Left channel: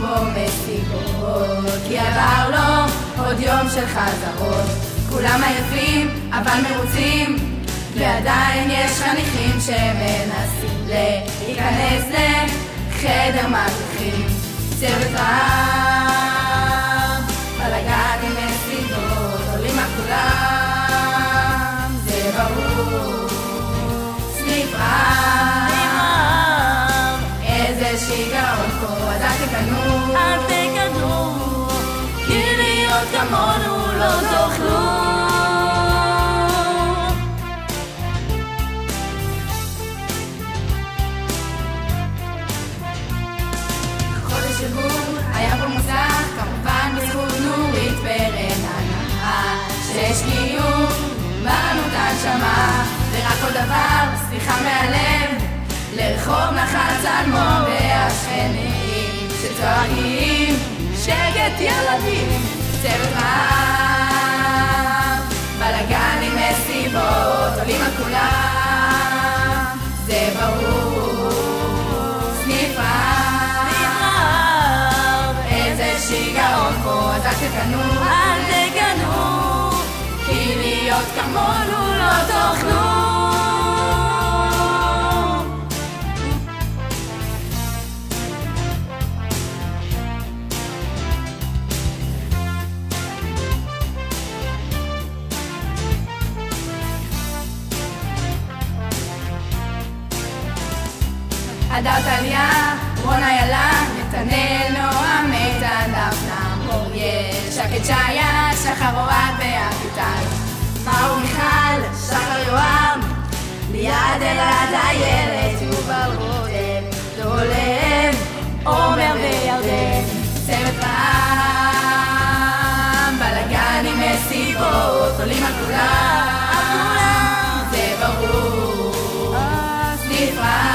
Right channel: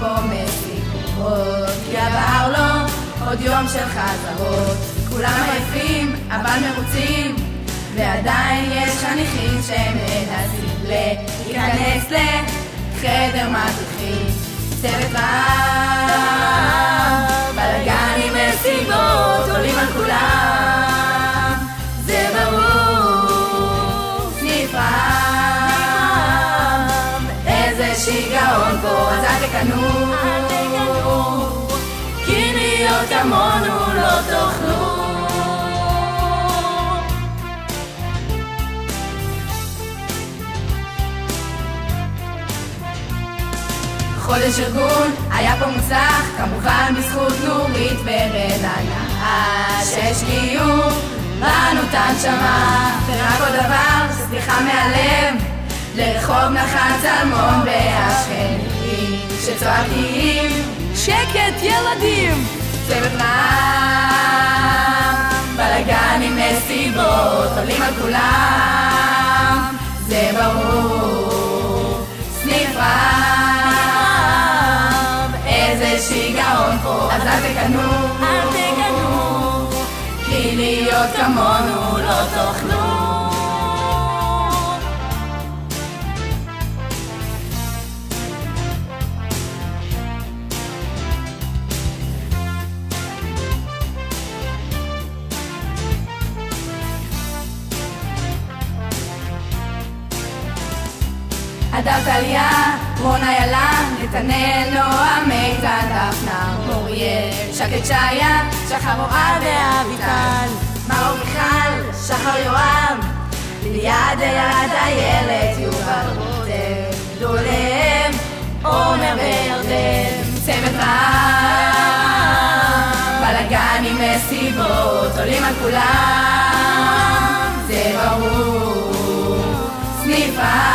בו מסיבות, כי עבר לו עוד יום של חזרות. כולם עייפים אבל מרוצים, ועדיין יש חניכים שמנסים להיכנס לחדר מדריכים. צוות רב, בלגנים וסיבות עולים על כולם, זה ברור. סניף רב, איזה שיגעון פה, אז אל תקנו, כי להיות כמונו לא תוכלו. חודש ארגון, היה פה מוצלח, כמובן בזכות נורית ורדניה, שהשקיעו בנו את הנשמה. ורק עוד דבר, סליחה מהלב, לרחוב נחל צלמון והשכנים שצועקים שקט ילדים. צוות רב, בלגנים מסיבות עולים על כולם, זה ברור. סניף רב, איזה שיגעון פה, אז אל תקנו, כי להיות כמונו לא תוכלו. הדר טליה, רונה ילה, נתנאל, נועה, מיטל, דפנה, אוריאל, שקד שיה, שחר אוהב ואביטל, מאור מיכל, שחר יואב, ליעד אלעד איילת, יובל רותם, לולב, עומר וירדן. צוות רב, בלגנים מסיבות עולים על כולם, זה ברור. סניף רב,